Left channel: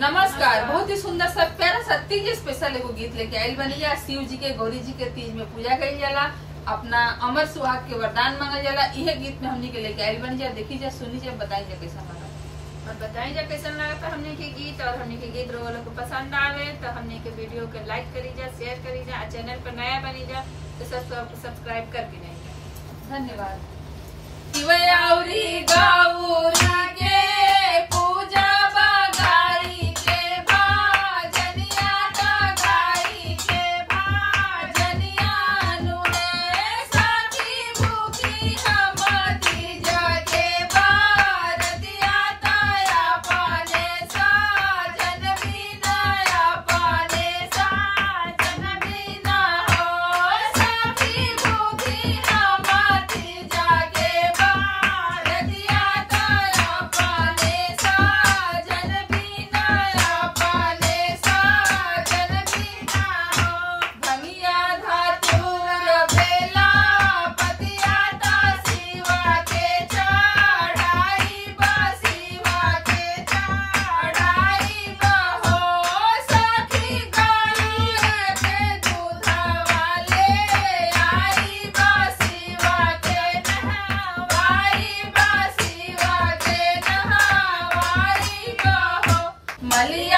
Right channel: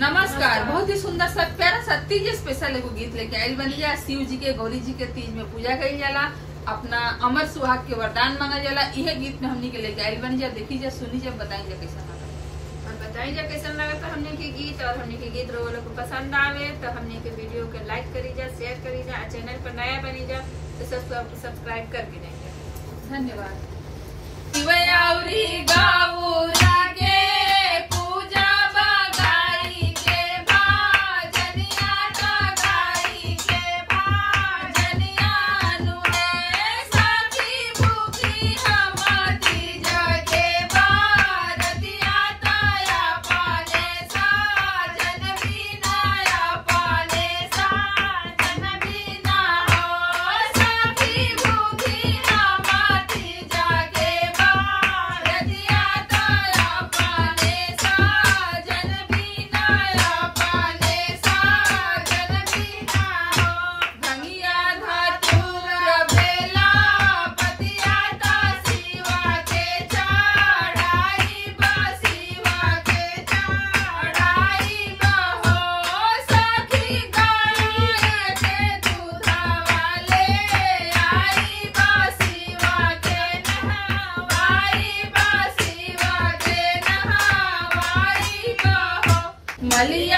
नमस्कार। बहुत ही सुंदर सा प्यारा सा तीज स्पेशल एगो गीत लेके आयल बनी जा। शिव जी के गौरी जी के तीज में पूजा करी जाला, अपना अमर सुहाग के वरदान मांगा जाला। यह गीत में हमने के लेके आयल बनी जा। देखी जा, सुनी जा, बताई जा कैसा लगा और बताई जा कैसा लगा तो हमने के गीत और हमने के गीत रोल को पसंद आवे तो हमने के वीडियो के लाइक करी जा, शेयर करी जा। चैनल पर नया बनी जा तो सब्सक्राइब कर भी नहीं जा। धन्यवाद। मलिया